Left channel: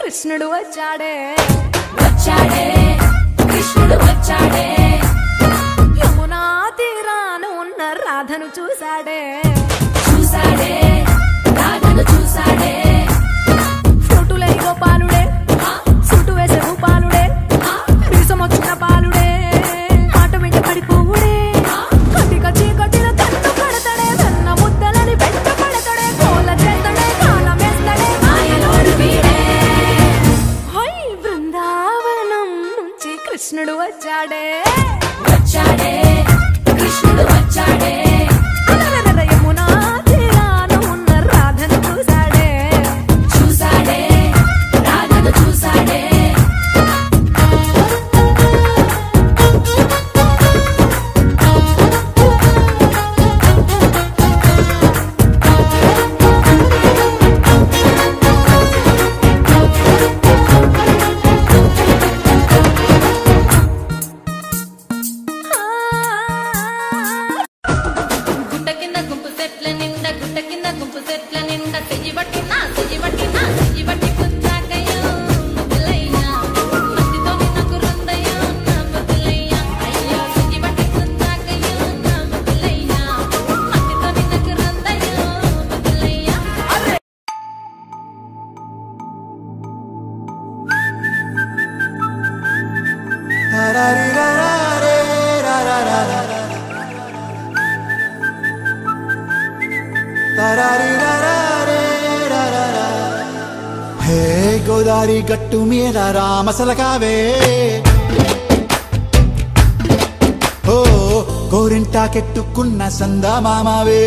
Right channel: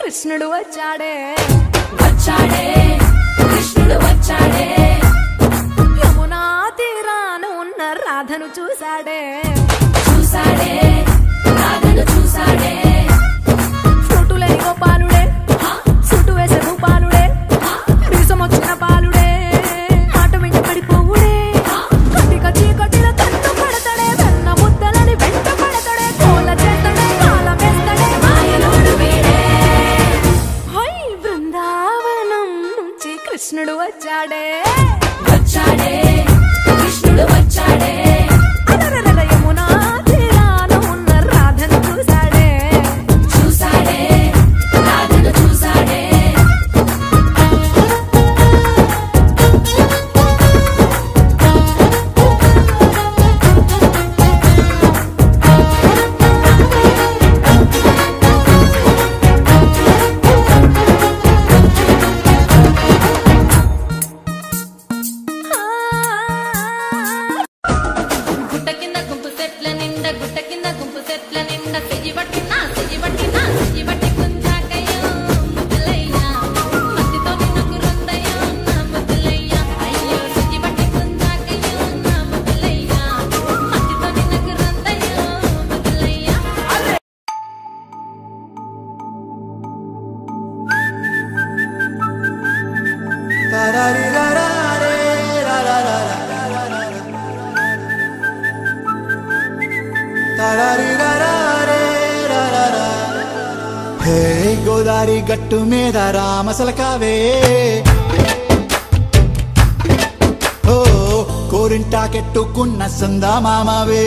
కృష్ణుడు వచ్చాడే కృష్ణుడు వచ్చాడే యమునా తీరాన ఉన్న రాధను చూసాడే రాధను చూసాడే ఫ్లూటులేని గోపాలుడే సూటు వేసే భూపాలుడే వీసమొచ్చిన పాలుడే మాట వెంట పడిపోవుడే కటిక చీకటిల కన్ను కడతాడే వెన్న ముద్దలని వెంట పడతాడే కోల చేస్తాడే కాలం వేస్తాడే మాయలోడు వీడే హై బృందావనం నుంచి కృష్ణుడు వచ్చాడే కృష్ణుడు వచ్చాడే అలరల యమునా తీరాన ఉన్న రాధను చూసాడే రాధను చూసాడే గుట్ట కింద గుంపు సెట్ల నిండా చెయ్యి బట్టి కుంజాకయ్యో ముద్దులయ్యా మధ్యతో నాకు రొందయ్యో నా ముద్దులయ్యా అయ్యో చెయ్యి బట్టి కుంజాకయ్యో నా ముద్దులయ్యా మధ్యతో నాకు రొందయ్యో ముద్దులయ్యా హే గోదారి గట్టు మీద రామసలకావే ఓ కోరింటా కెట్టుకున్న సందా మామావే